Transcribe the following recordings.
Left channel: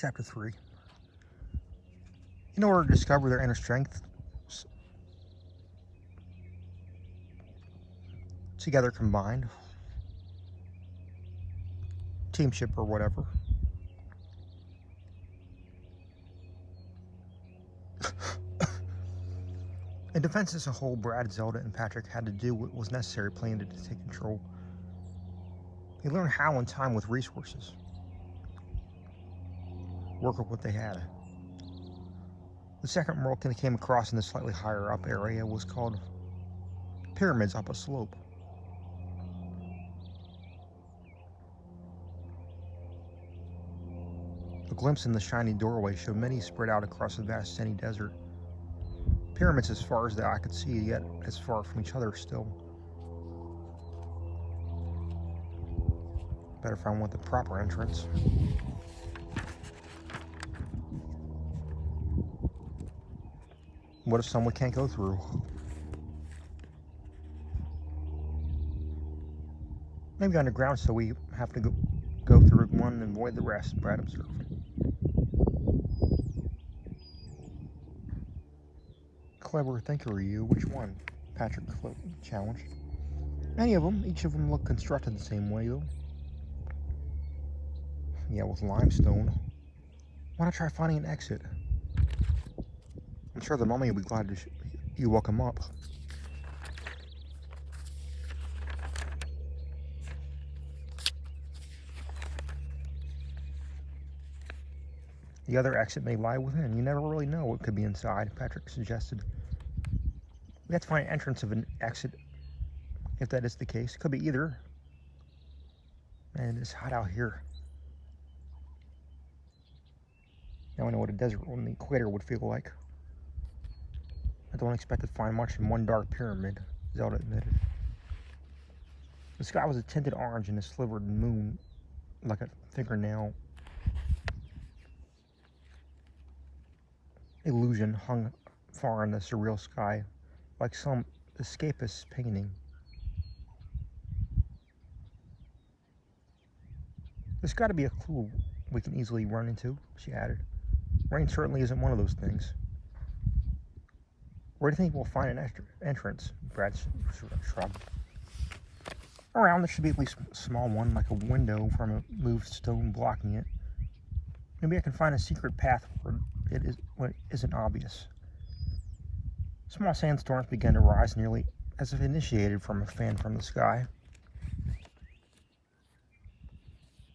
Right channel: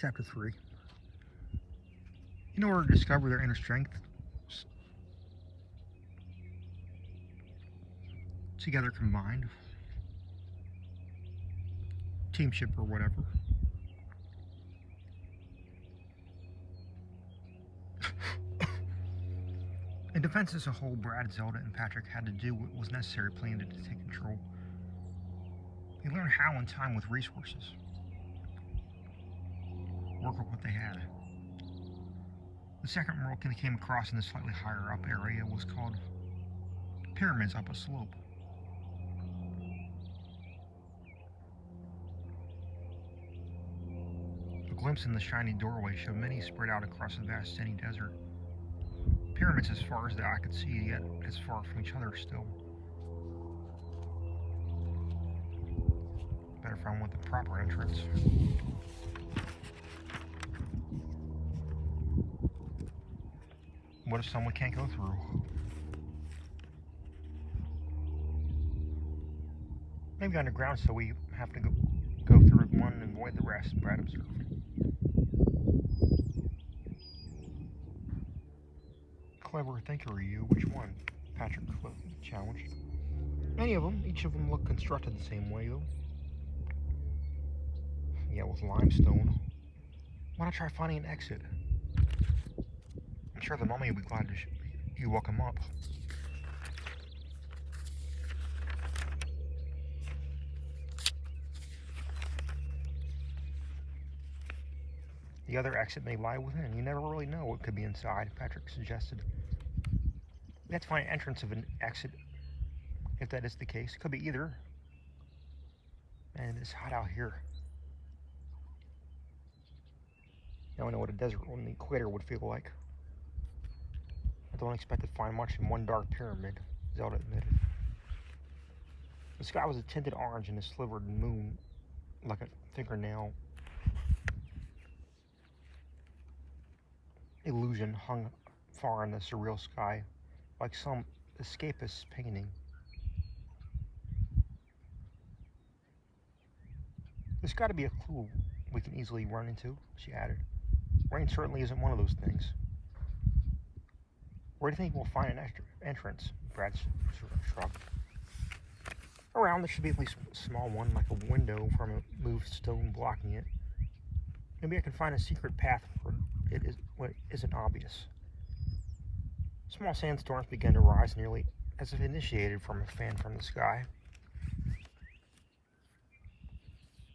Chapter 3. In order to discover their inner strength, together combined, teamship or whatever, in defense as a whole, Brad, Zelda, and Patrick had to do what was necessary planned to take control. They learned how in time with resources. Work with what they had. The second world they came across in the slightly higher up area was called pyramids up a slope. A glimpse in the shiny doorway showed many spread out across the vast sandy desert. Pyramids as far as the eye could see, yet as far from each other still. Better find one with the proper entrance. What if someone can't go through? Maybe underground, so we have to go through one and avoid the rest, Brad observed. Clever thinker, you. Which one? Patrick challenged. Any of them. Each of them looked constructed the same way, though. Yeah, with limestone. Why not try finding an exit? I'm sure the mummy will be glad to you welcome up. The other exit may lie within. You never really know what could be inside, Patrick suggested. We have to find an entrance of an exit. If that is the case, it could be either. And it's hot out here. Now I know what a desert on the equator would feel like. I don't expect to find much in one dark pyramid, Zelda admitted. The sky was a tinted orange and a slivered moon like a fingernail illusion hung far in the surreal sky, like some escapist painting. There's got to be a clue we can easily run into, she added. Rain certainly isn't one of those things. Where do you think we'll find an entrance? Brad shrugged. Around, there should be at least a small one, like a window from a moved stone blocking it. Maybe I can find a secret path where it isn't obvious. Small sandstorms began to rise nearly as if initiated from a fan from the sky.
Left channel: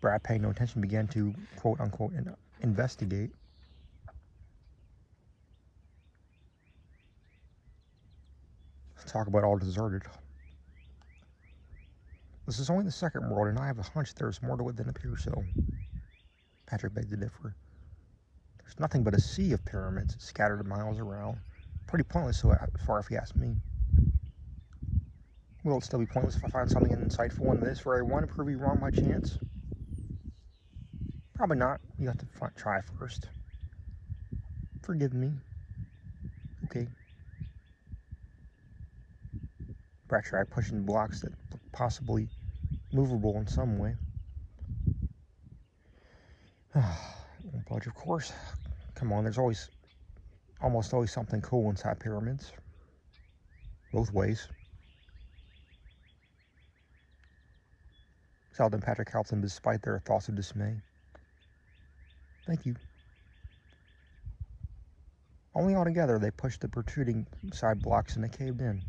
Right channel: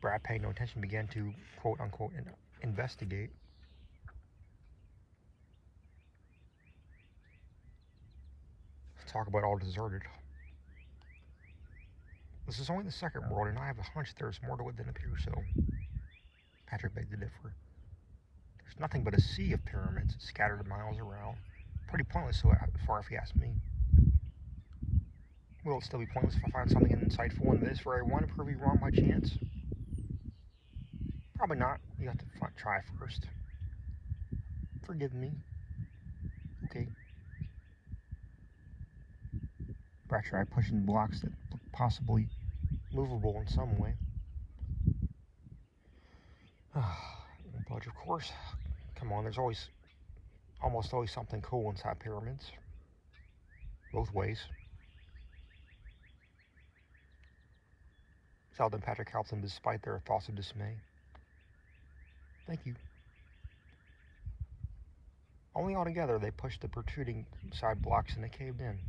Brad, paying no attention, began to quote-unquote investigate. Talk about all deserted. This is only the second world, and I have a hunch there's more to it than appears so. Patrick begged to differ. There's nothing but a sea of pyramids scattered miles around. Pretty pointless so far if you ask me. Will it still be pointless if I find something insightful in this where I want to prove you wrong by chance? Probably not. You have to try first. Forgive me. Okay. Brad tried pushing blocks that looked possibly movable in some way. Budge, of course. Come on, there's almost always something cool inside pyramids. Both ways. Zelda and Patrick helped them despite their thoughts of dismay. Thank you. Only all together they pushed the protruding side blocks and they caved in.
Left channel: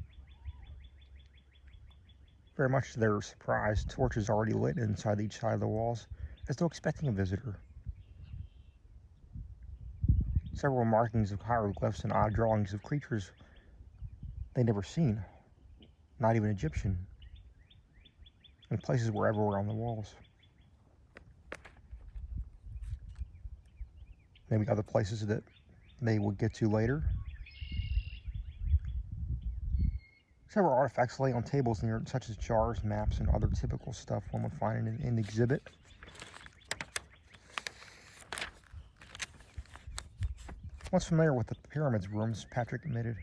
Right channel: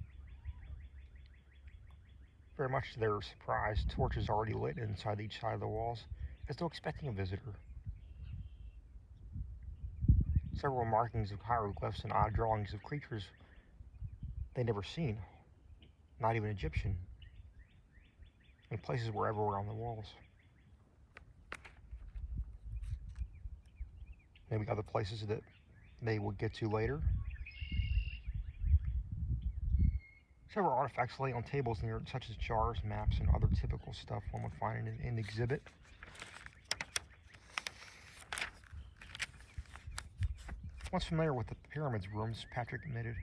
Very much to their surprise, torches already lit inside each side of the walls, as though expecting a visitor. Several markings of hieroglyphs and odd drawings of creatures they'd never seen, not even Egyptian, and places were everywhere on the walls. Maybe other places that they would get to later. Several artifacts lay on tables near, such as jars, maps, and other typical stuff one would find in an exhibit. Once familiar with the pyramid's rooms, Patrick admitted,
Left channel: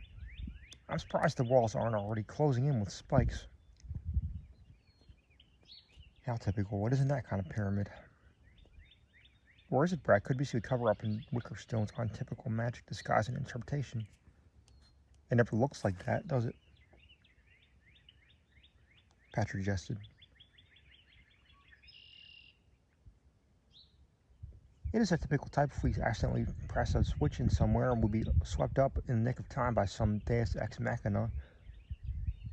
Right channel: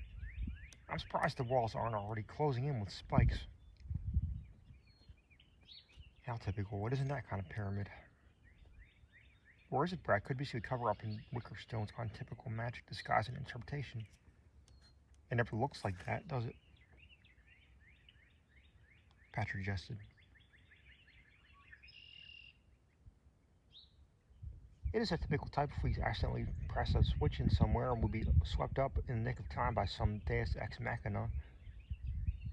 I'm surprised the walls aren't already closing in with spikes. How typical. What isn't that kind of pyramid? Or is it, Brad? Could be a cover-up in Wickerstone's untypical magic disguise and interpretation. It never looks like that, does it? Patrick jested. It is a typical type if we accidentally press a switch in somewhere and we'll be swept up in the nick of time by some deus ex machina.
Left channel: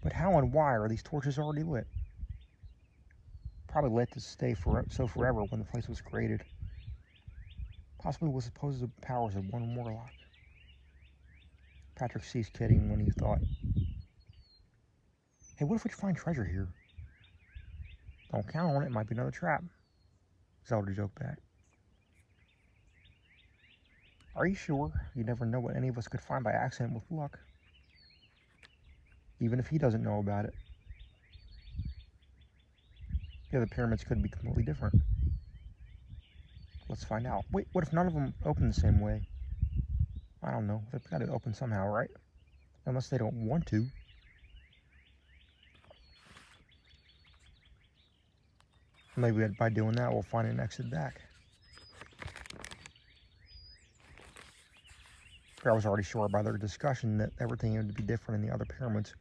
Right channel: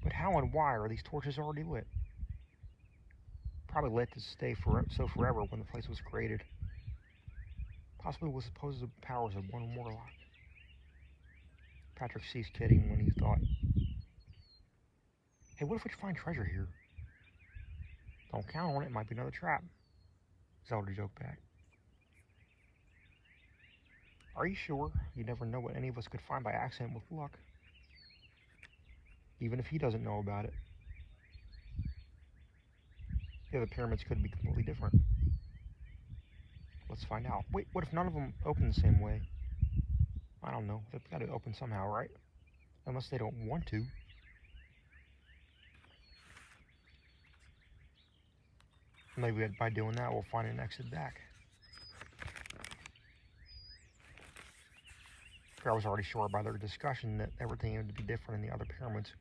But how and why are these torches already lit? Probably lit to stay forever when the place was created. Possibly with supposed powers of one warlock. Patrick ceased kidding when he thought, hey, what if we find treasure here? Don't count on it, it might be another trap. Zelda joked back. Are you sure? You never know what any of us could find by accident with luck. Even if he doesn't know about it. The other pyramids could be completely different. Let's find out. Wait, what if none of them open the same way? I don't know. They've got to open somehow, right? Unless they don't want to. Maybe by doing that, we'll find an exit back. I was already sure by their discussion that everything would be different in the other pyramids.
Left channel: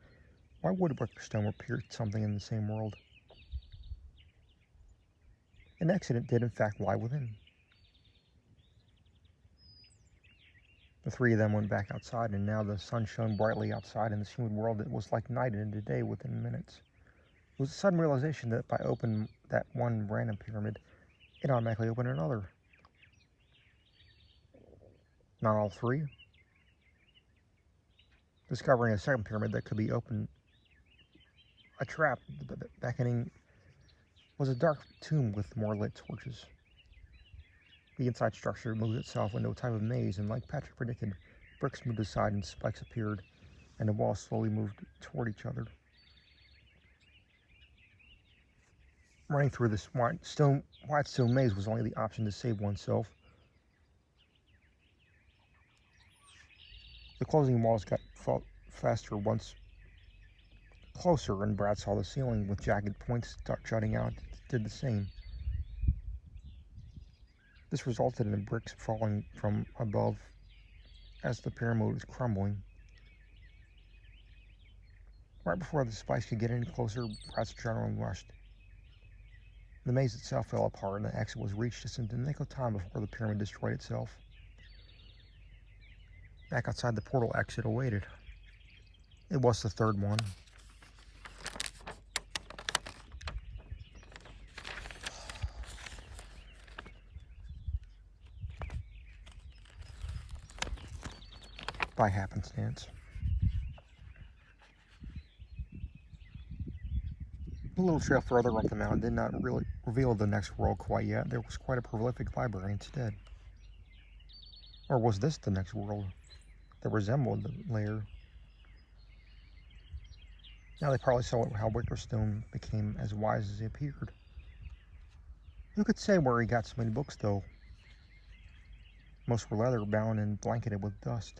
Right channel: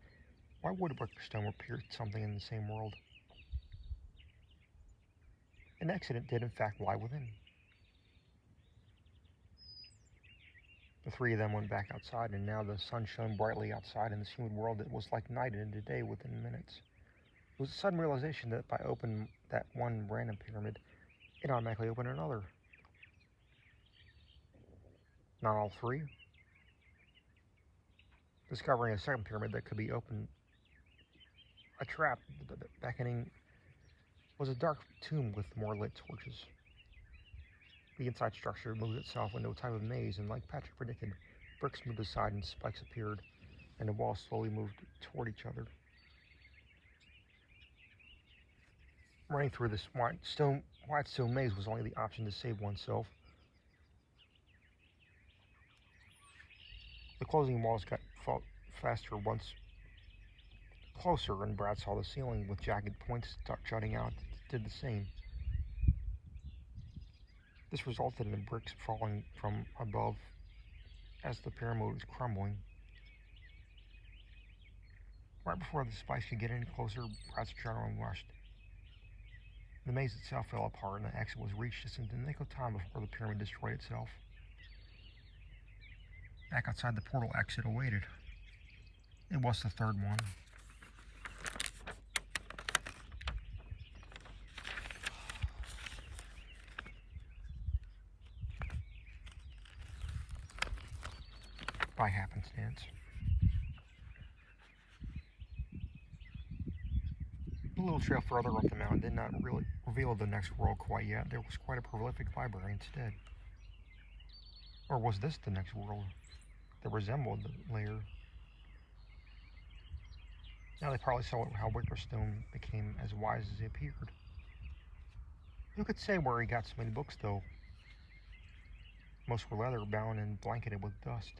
Why would Wickerstone repeat something in the same world? An exit did in fact lie within. The three of them went back outside, and now the sun shone brightly outside in this humid world. It was like night into day within minutes. It was a sudden realization that by opening that one random pyramid, it automatically opened another. Not all three. Discovering a second pyramid that could be opened, a trap beckoning, was a dark tomb with more lit torches. The inside structure moved itself into a type of maze, and like Patrick predicted, bricks moved aside and spikes appeared, and the walls slowly moved toward each other. Running through this white stone maze was only the option to save oneself. The closing walls got faster once closer, and Brad saw the ceiling with jagged points jutting out did the same. This resulted in the bricks falling from above as the pyramid was crumbling. Right before the spikes could get any closer, Brad's adrenaline rushed. The maze itself fell apart, and the exit was reached just in the nick of time before the pyramid destroyed itself. Back outside, the portal exit awaited. It was the third one. By happenstance. A little trail further up the mountain did not really reveal the next world quite yet. There was quite a prolific library instead. Or was this the next world that resembled the Lair? Now they probably saw how Wickerstone became as wise as he appeared. Who could say where he got so many books, though? Most were leather-bound and blanketed with dust.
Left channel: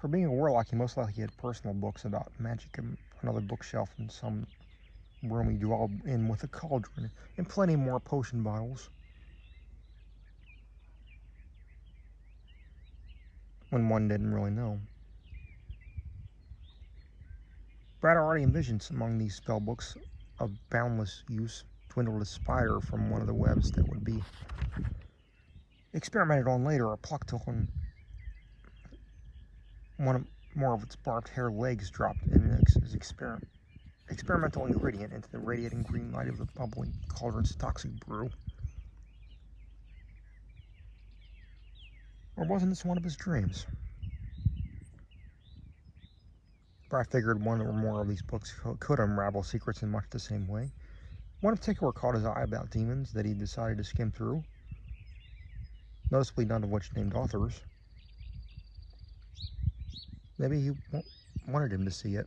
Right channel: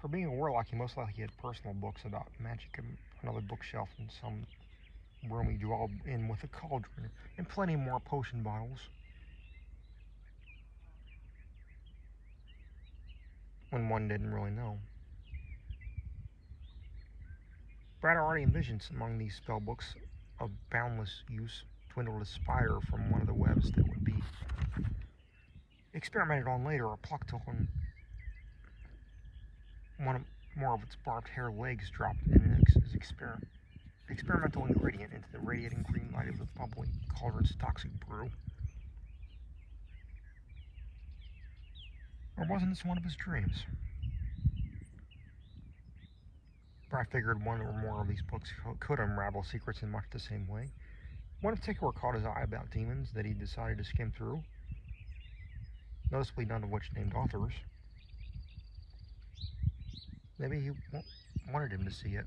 For being a warlock, he most likely had personal books about magic and another bookshelf in some room he dwelled in with a cauldron and plenty more potion bottles. When one didn't really know. Brad already envisioned among these spell books of boundless use dwindled a spider from one of the webs that would be experimented on later, or plucked on more of its barbed hair legs dropped in as experimental ingredient into the radiating green light of the bubbling cauldron's toxic brew. Or wasn't this one of his dreams? Brad figured one or more of these books could unravel secrets in much the same way. One in particular caught his eye about demons that he decided to skim through, noticeably none of which named authors. Maybe he wanted him to see it.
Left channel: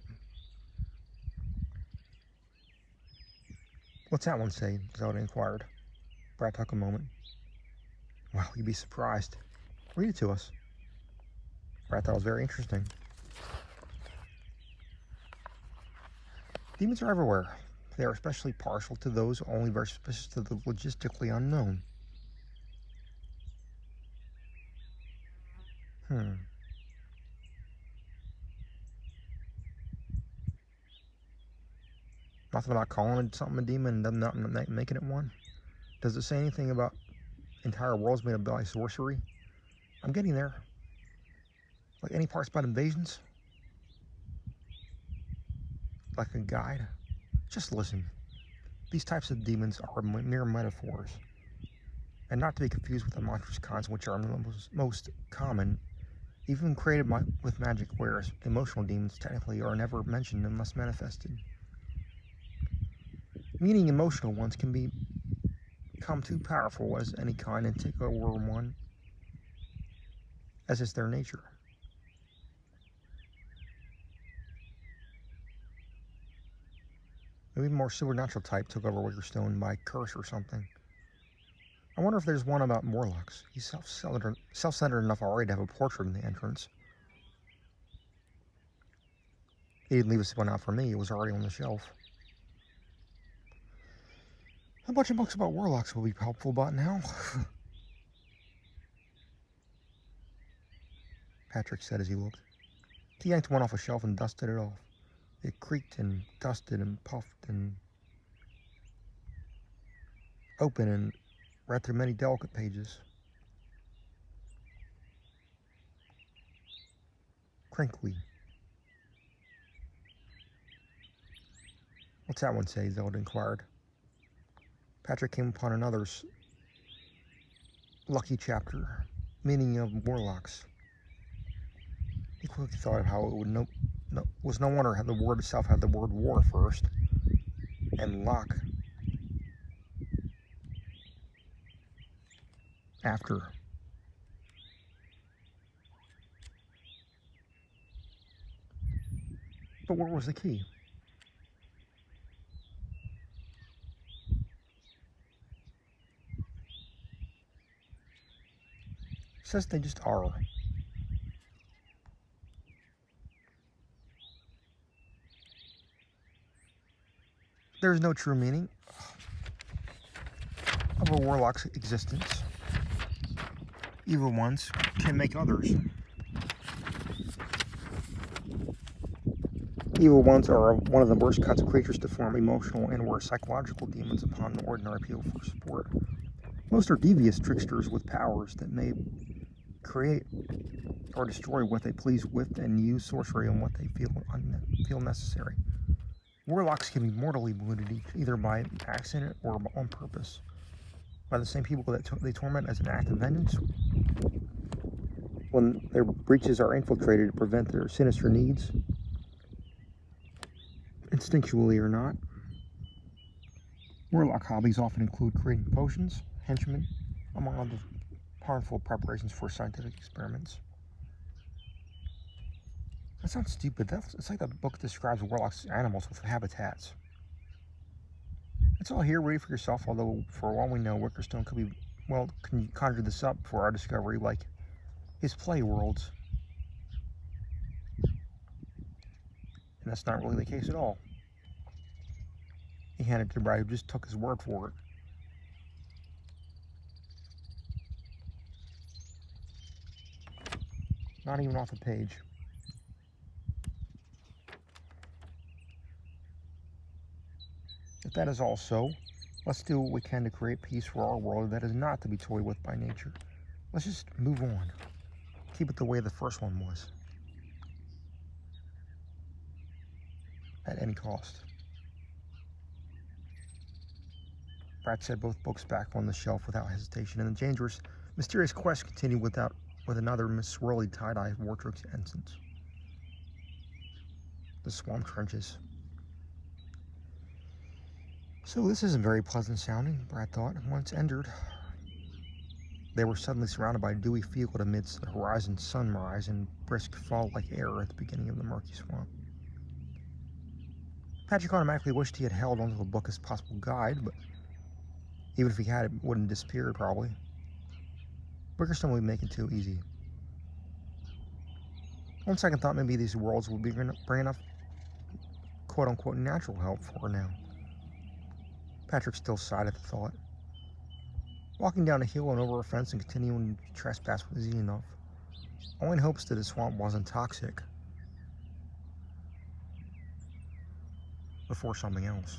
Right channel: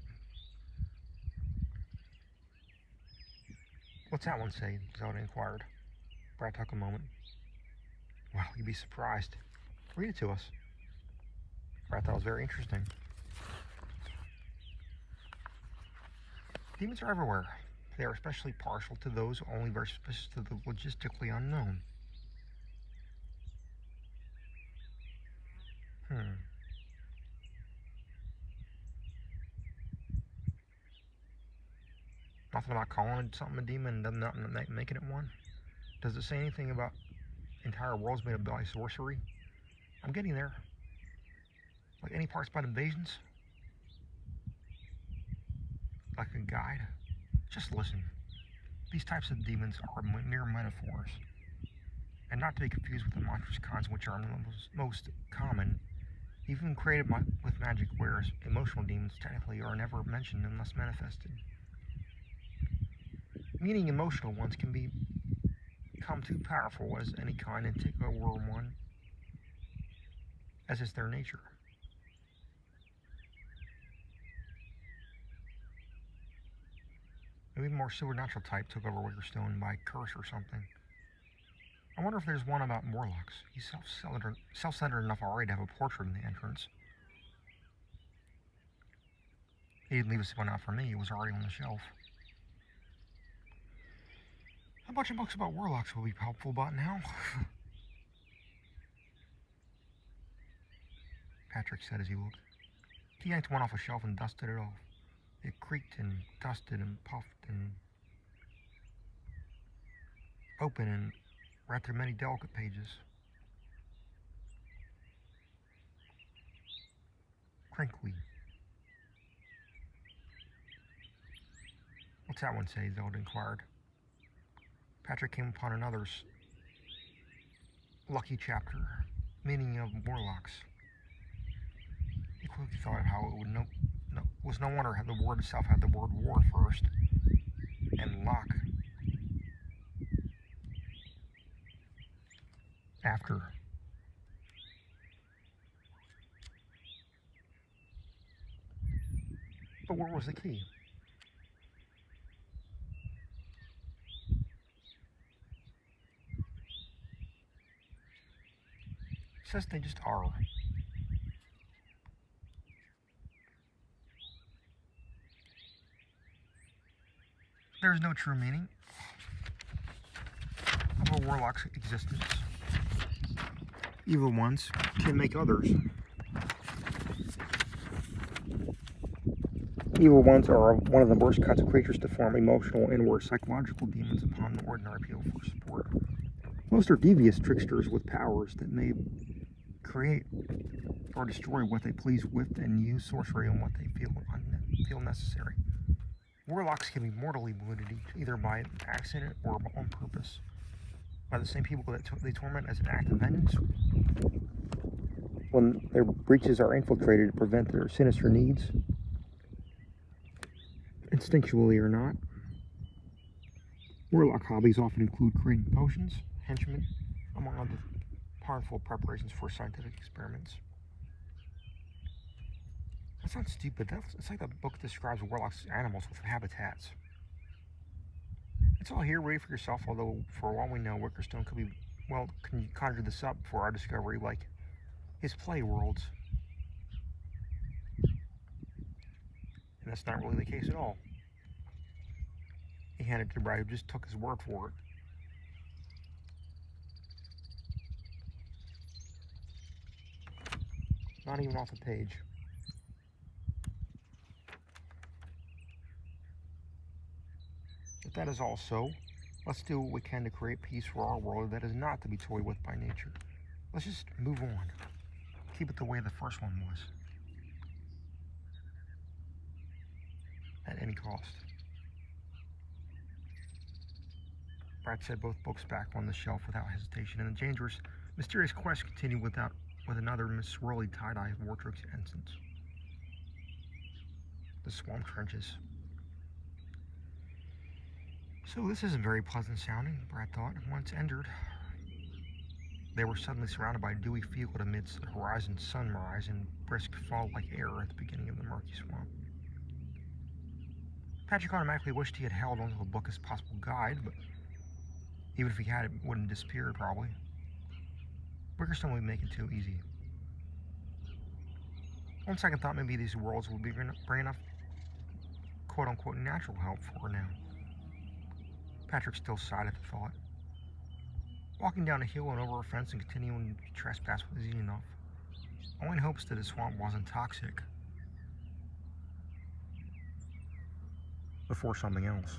What's that one say? Zelda inquired. Brad took a moment. Well, you'd be surprised. Read it to us. Brad thought it was very interesting. Demons are everywhere. They are especially partial to those only very suspicious of the logistically unknown. Nothing about calling it something a demon and not making it one? Does it say anything about entire worlds made up by sorcery? I'm getting there. Like any parts about invasions? Like a guide? Just listen. These types of demons are mere metaphors, and not to be confused with the monstrous kinds which are most common, even created with magic, whereas emotional demons technically are never mentioned unless manifested. Meaning emotional ones can become too powerful as any kind and take over one, as is their nature. Maybe more supernatural type took over Wickerstone by curse or something. I wonder if there's one about Morlocks. He's self-centered enough already to have a portrait in the entrance. He didn't leave us one out for me. It was already on the shelf. A bunch of books about warlocks will be helpful by now. Patrick said as he looked. He yanked one off a shelf and dusted it off. It creaked and dusted and puffed and opened and read through many delicate pages. Crinkly. What's that one say? Zelda inquired. Patrick came upon another's lucky chapter, meaning of warlocks. He quickly thought of how it would was no wonder how the word itself had the word war first, and lock after. But where was the key? It says they just are. There is no true meaning of a warlock's existence. Evil ones can make others. Evil ones are one of the worst kinds of creatures to form emotional and or psychological demons upon ordinary people for support. Most are devious tricksters with powers that may create or destroy what they please with and use sorcery on what they feel necessary. Warlocks can be mortally wounded either by accident or on purpose by the same people that they torment as an act of vengeance. When their breaches are infiltrated to prevent their sinister needs, instinctually or not. Warlock hobbies often include creating potions, henchmen, among other harmful preparations for scientific experiments. That sounds stupid. It's like the book describes warlocks as animals with habitats. It's all here, read for yourself, although for all we know, Wickerstone could be, conjure this up for our discovery, like his play worlds. And that's not really the case at all. He handed it to Brad, who just took his word for it. Not even off the page. If that is all so, let's do what we can to create peace for our world that is not to be toyed with by nature. Let's just move on. Keep it the way the first one was. At any cost. Brad set both books back on the shelf without hesitation, and the dangerous, mysterious quest continued with another swirly tie-dye Vortrix ensigns. The swamp trenches. So this isn't very pleasant sounding, Brad thought. Once entered, they were suddenly surrounded by a dewy field amidst the horizon sunrise and brisk fall-like air at the beginning of the murky swamp. Patrick automatically wished he had held onto the book as possible guide, but even if he had, it wouldn't have disappeared, probably. Wickerstone would make it too easy. On second thought, maybe these worlds would bring enough quote-unquote natural help for her now. Patrick still sighed at the thought. Walking down a hill and over a fence and continuing to trespass was easy enough. Only in hopes that the swamp wasn't toxic before something else.